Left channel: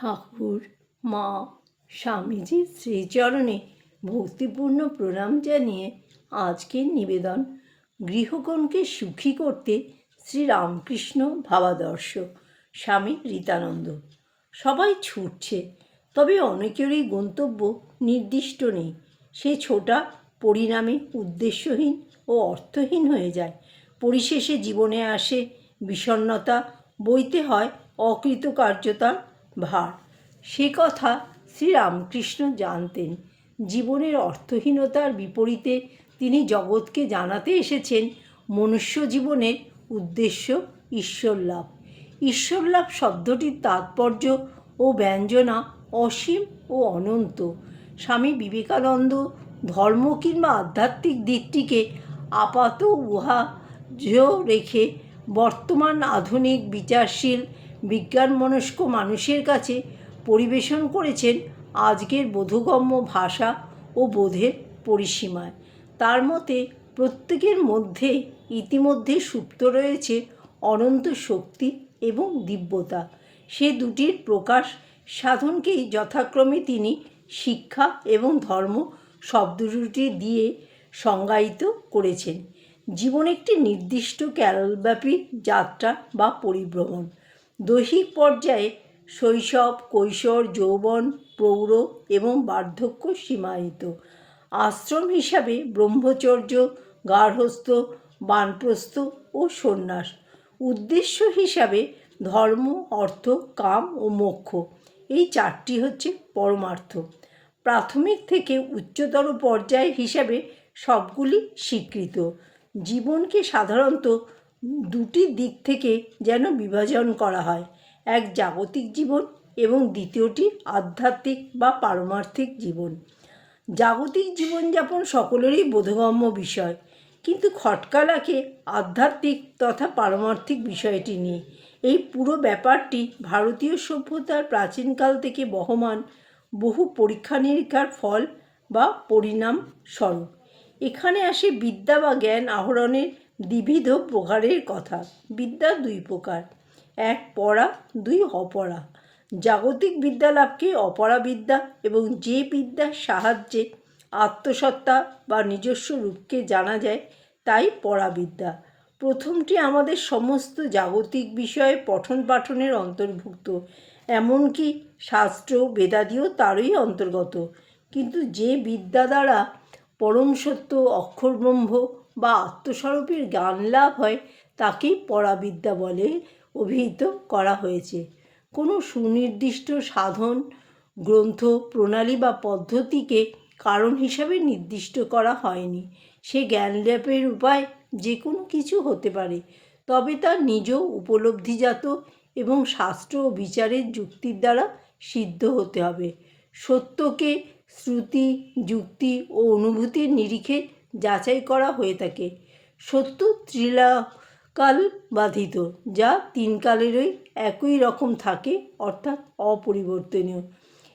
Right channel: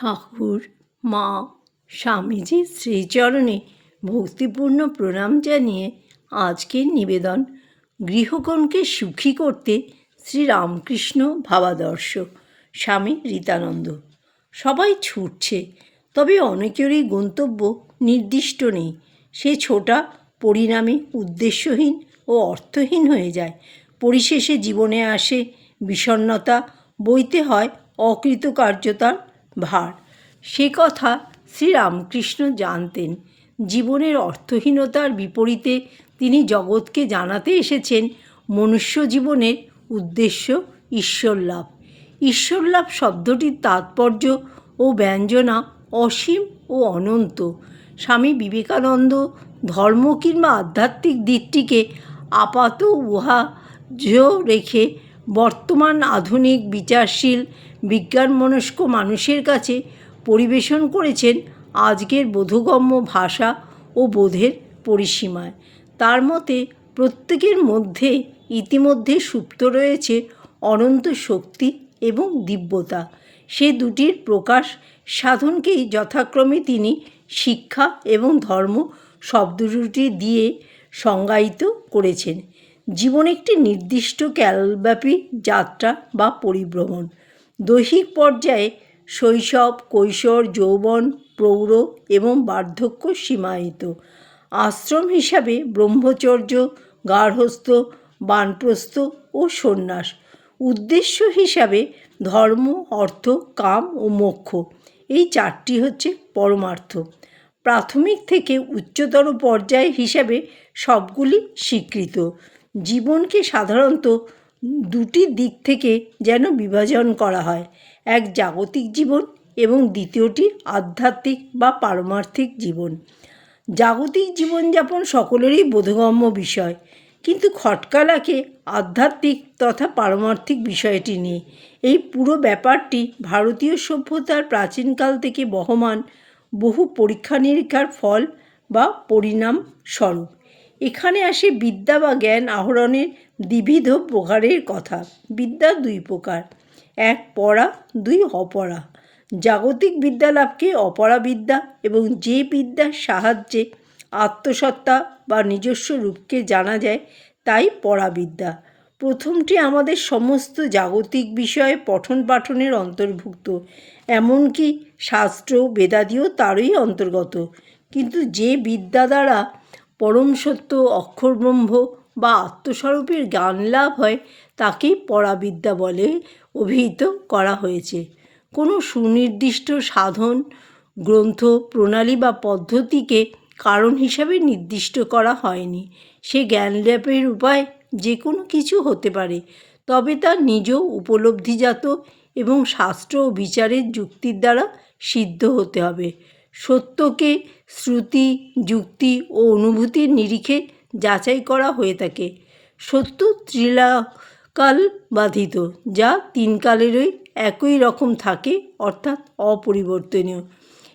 ঠাকুর, মা স্বামীজির শ্রীচরণে ভক্তিপূর্ণ প্রণাম জানিয়ে আজকের নিবেদন গৃহকোণকে সুখী করতে শ্রীরামকৃষ্ণ ভাবাদর্শ, স্বামী রীতানন্দ। সবাই ছুটছে, তবে অনেকেরই গন্তব্য নির্দিষ্ট নেই। সে ছোটা পরিণামে উদ্দেশ্যহীন ও অর্থহীন হয়ে যায়। পরিশেষে জীবনে আসে বিষণ্ণতা, বইতে হয় অকৃতকার্যতার ভার। সে কথা শ্রীরামকৃষ্ণ জানতেন। জীবনের অর্থহীনতার বিপরীতে তিনি জগৎকে জানাতে এসেছেন। মনুষ্য জীবনের উদ্দেশ্য ঈশ্বর লাভ ঈশ্বর লাভ শব্দটির তাৎপর্য ও ব্যঞ্জনা অসীম ও অনন্ত। স্বামী বিবেকানন্দ ধর্ম কিংবা আধ্যাত্মিক দিকটিকে আপাত উহা রেখে বর্তমান আধুনিক বিচারশীল বিজ্ঞানমনস্ক মানুষের কাছে পরিবেশন করেছেন আজকের বোধগম্য ভাষা ও বোধের পরিসীমায়। তার মতে, প্রত্যেকের মধ্যে ইতিমধ্যে সুপ্ত রয়েছে অনন্ত শক্তি এবং দিব্যতা। সে দুটির প্রকাশ সাধনকেই যথাক্রমে তিনি শিক্ষা এবং ধর্ম শব্দ দুটি দিয়ে সংজ্ঞায়িত করেছেন। জীবন একটি নির্দিষ্ট ক্যালব্যাপী যাত্রা বা পরিভ্রমণ। দৈহিক পর্যায়ে শৈশব, কৈশোর, যৌবন, প্রৌঢ় এবং বার্ধক্য সীমায়িত। আশ্রম হিসাবে ব্রহ্মচর্য, গার্হস্থ, বানপ্রস্থ ও সন্ন্যাস। উদ্দেশ্য হিসাবে ধর্ম, অর্থ, কাম ও মোক্ষ। এই চারটি হচ্ছে পরমার্থ। প্রাথমিক থেকে উচ্চতর পর্যায় হিসাবে সবগুলি স্বীকৃত। জীবনকে সাধারণত দুটি দিক থেকে যেন বিভাজন করা হয়। এক জাগতিক জীবন এবং দ্বিতীয়টি আধ্যাত্মিক বা পারমার্থিক জীবন। জাগতিক জীবনযাপন সকলেরই বোধগম্য বিষয়, কিন্তু খটকা লাগে আধ্যাত্মিক তথা পারমার্থিক বিষয়টি নিয়ে। এই পুরো ব্যাপারটি ভারতীয় সভ্যতার প্রাচীনকাল থেকে বহমান বহু পরীক্ষা নিরীক্ষার ফল বা পরিণাম স্বরূপ। এখানে আসে বিদ্যা বা জ্ঞান আহরণের দ্বিবিধ প্রকারের কথা। বিদ্যা দুই প্রকার। এক পড়া, দুই অপরা জাগতিক বিদ্যা লাভকে অপরা বিদ্যা এবং যে বিদ্যার সাহায্যে আত্মসত্তা বা নিজস্ব রূপকে জানা যায়, তাই পরাবিদ্যা প্রথমটি আমাদের সমস্ত জাগতিক বিষয়ে পঠন পাঠনের অন্তর্ভুক্ত। এমনকি শাস্ত্র, বেদাদিও তারই অন্তর্গত। কিন্তু যে বিদ্যা দ্বারা পরম সত্য অক্ষরব্রহ্ম বা আত্মস্বরূপের জ্ঞান লাভ হয়, তাকেই পরাবিদ্যা বলে অভিহিত করা হয়েছে। কোনো সুনির্দিষ্ট সাধন, গ্রন্থ, প্রণালী বা পদ্ধতিকে কারণ হিসাবে নির্দিষ্ট করা হয়নি। সে জ্ঞান লাভের উপায় যে কোনো কিছু হতে পারে, তবে তা নিজ উপলব্ধিজাত এবং শাস্ত্র ও বিচারের যুক্তির দ্বারা সিদ্ধ হতে হবে। সত্যকে শ্রুতি, যুক্তি ও অনুভূতির নিরিখে যাচাই করা হয়ে থাকে। সত্য ত্রিলাকাল বাধিত, যা তিন কালেরই একই রকম থাকে, অর্থাৎ অপরিবর্তনীয়।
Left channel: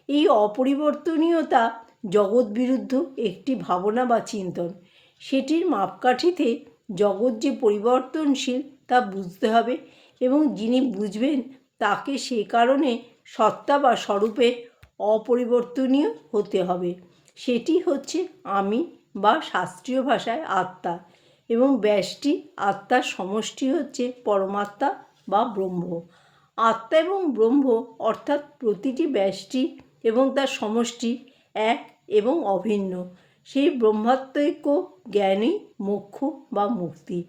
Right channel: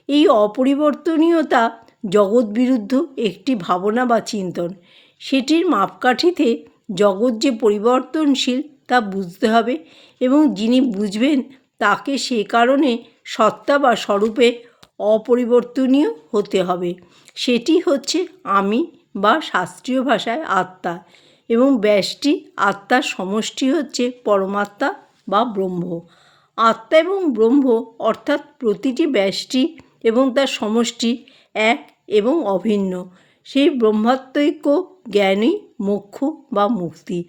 এই অপরিবর্তনীয়তা জগৎ বিরুদ্ধ একটি ভাবনা বা চিন্তন। সেটির মাপকাঠিতে জগৎ যে পরিবর্তনশীল তা বুঝতে হবে এবং যিনি বুঝবেন তাকে সে কারণে সত্তা বা স্বরূপে অপরিবর্তনীয় হতে হবে। সেটি হচ্ছে আমি বা শাস্ত্রীয় ভাষায় আত্মা এবং ব্যষ্টি আত্মার সমষ্টি হচ্ছে পরমাত্মা বা ব্রহ্ম। আত্মা এবং ব্রহ্ম অর্থাৎ প্রতিটি ব্যষ্টি এবং তার সমষ্টি এক এবং অভিন্ন। সেই ব্রহ্মাত্মৈক্য জ্ঞানই মোক্ষ বা মুক্তি।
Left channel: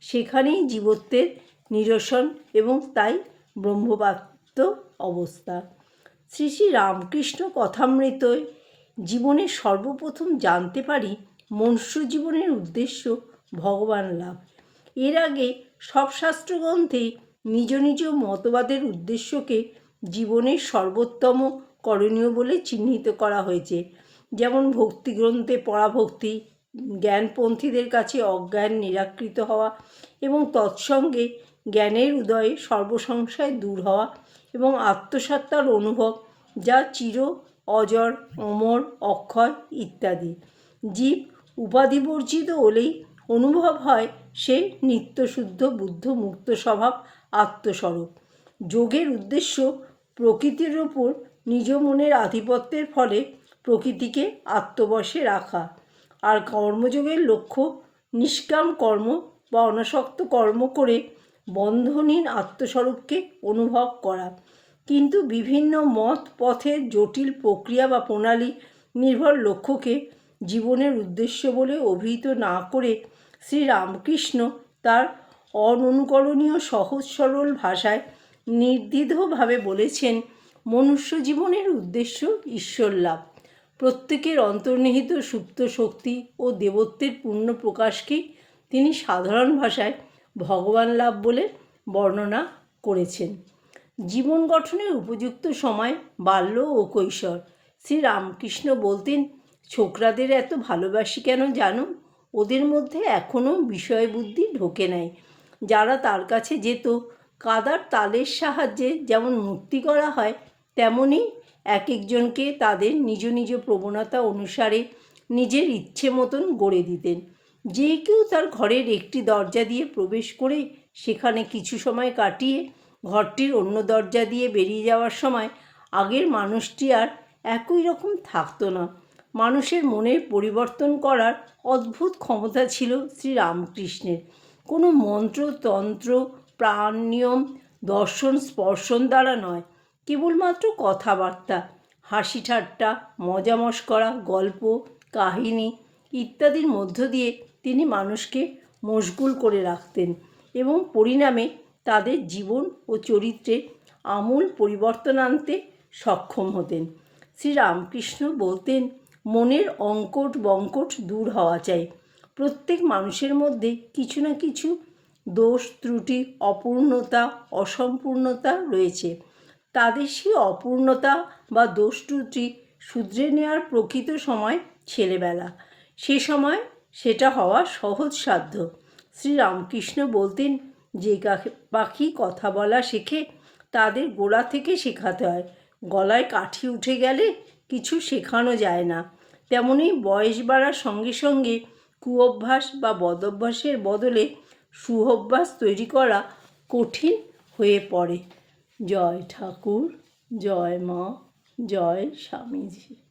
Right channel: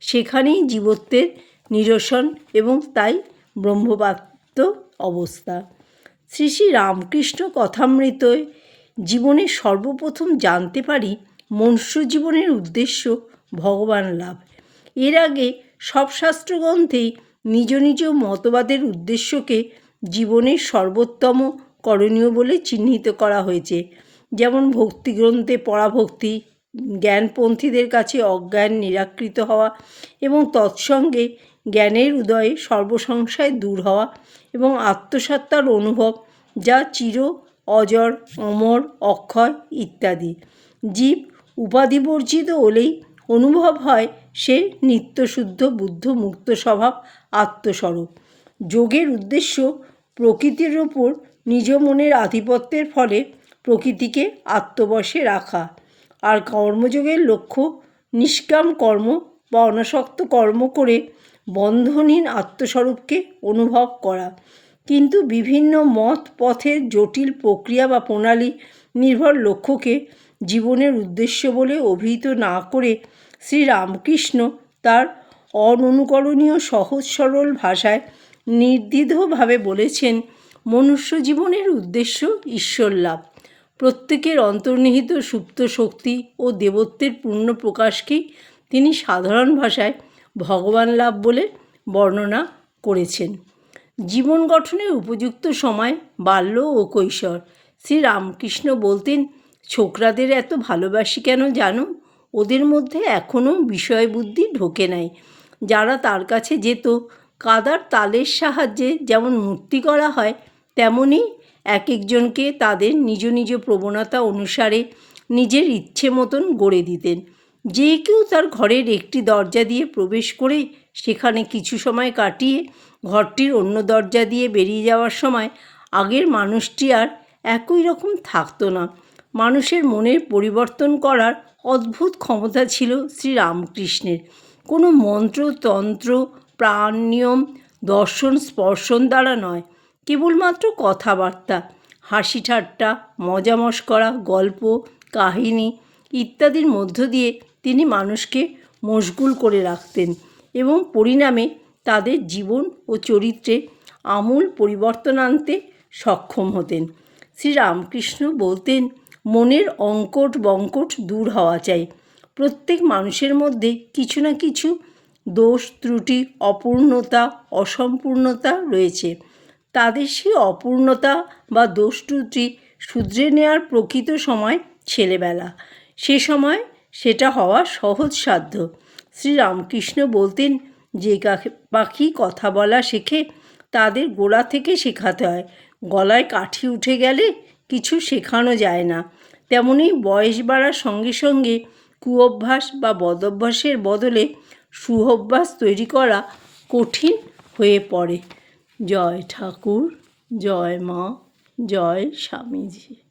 সেখানেই জীবত্বের নিরসন এবং তাই ব্রহ্মবাত্ম অবস্থা। শ্রী শ্রী রামকৃষ্ণ কথামৃতয় জীবনে সর্বপ্রথম জানতে পারি মনুষ্য জীবনের উদ্দেশ্য ভগবান লাভ। এর আগে সব শাস্ত্রগ্রন্থেই নিজ নিজ মতবাদের উদ্দেশ্যকে জীবনের সর্বোত্তম করণীয় বলে চিহ্নিত করা হয়েছে। যেমন ভক্তিগ্রন্থে পরাভক্তি, জ্ঞানপন্থীদের কাছে অজ্ঞান নিরাকৃত হওয়া এবং তৎসঙ্গে জ্ঞানের উদয়ে সর্বসংশয় দূর হওয়া এবং আত্মসত্তার অনুভব যা চির, অজর, অমর, অক্ষয় ইত্যাদি। জীব উপাধিবর্জিত হলেই অনুভব হয় সে নিত্যশুদ্ধ বুদ্ধ মুক্ত স্বভাব, আত্মস্বরূপ। যোগের উদ্দেশ্য প্রকৃতির ওপর নিজ মনের আধিপত্যের ফলে প্রকৃতিকে আত্মবশে রাখা। আর কর্মযোগের লক্ষ্য নিষ্কাম কর্ম বা অনাসক্ত কর্ম করে বন্ধনহীন আত্মস্বরূপকে অনুভব করা। কিন্তু বিভিন্ন মত পথের জটিল প্রক্রিয়া বা প্রণালী নির্ভর লক্ষ্যকে জীবনের উদ্দেশ্য বলে অভিহিত না করে শ্রীরামকৃষ্ণ তার অননুকরণীয়, সহজ, সরল ভাষায় নির্দ্বিধভাবে বলেছেন, মনুষ্য জীবনের উদ্দেশ্য ঈশ্বর লাভ। প্রত্যেকের অন্তর্নিহিত সুপ্ত শক্তি ও দেবত্বের পূর্ণ প্রকাশকেই তিনি সাধারণ ভাষায় ভগবান লাভ বলে বর্ণনা করেছেন। জীবন গঠনের উপযুক্ত সময়, বাল্য ও কৈশোর। শ্রীরামকৃষ্ণ বলতেন ছোকরাদের এত ভালোবাসি কেন জানো? ওদের মধ্যে এখনও বিষয় বুদ্ধি ঢোকে নাই। যারা তার কাছে যেত, কাদার তালের সাহায্যে যেমন মূর্তি করা হয়, তেমনি এক একজনকে তাদের নিজ নিজ প্রবণতা অনুসারে নিজের ইচ্ছে মতন গড়ে দিতেন। যে কেউ তার ঘরের একটি দরজা দিয়ে প্রবেশ করে সেখানে কিছু সময় কাটিয়ে ঘরটির অন্য দরজা দিয়ে বেরিয়ে যাওয়ার সময় আগের মানুষটি আর একই রকম থাকতো না। মানুষের মনের পরিবর্তন করার অদ্ভুত ক্ষমতা ছিল শ্রীরামকৃষ্ণের। কোনো মন্ত্র, তন্ত্র, প্রাণ, নিয়ম, দর্শন, স্পর্শন দ্বারা নয়, কেবলমাত্র কথাবার্তা, হাসি ঠাট্টা, মজা মস্করা, গল্প, কাহিনী ইত্যাদির মধ্য দিয়ে তিনি মানুষকে মশগুল করে রাখতেন এবং পরিণামে তাদের জীবন ও চরিত্রে আমূল পরিবর্তন আনতে সক্ষম হতেন। শ্রীরামকৃষ্ণ বলতেন মনের অঙ্কট বঙ্কট দূর হওয়া চাই। প্রত্যেক মানুষের মধ্যে কিছু না কিছু দোষ, ত্রুটি, অপূর্ণতা, অসম্পূর্ণতা রয়েছে। তাদের সেই অপূর্ণতা বা দোষ, ত্রুটি শুধরে নেওয়ার প্রকৃত সময় ছেলেবেলা। সে সময় সেটা হওয়া সহজসাধ্য শ্রী রামকৃষ্ণ বলতেন, যে পাখি কথা বলা শেখে, তাদের গোড়া থেকে শেখাতে হয়। গলায় কাঠি উঠে গেলে কিছু শেখানো যায় না। তেমনই বয়স বাড়ার সঙ্গে সঙ্গে কুঅভ্যাস বা বদভ্যাসের বদলে সুঅভ্যাস তৈরি করা কঠিন হয়ে পড়ে। জয় ঠাকুর, জয় মা, জয় স্বামীজি।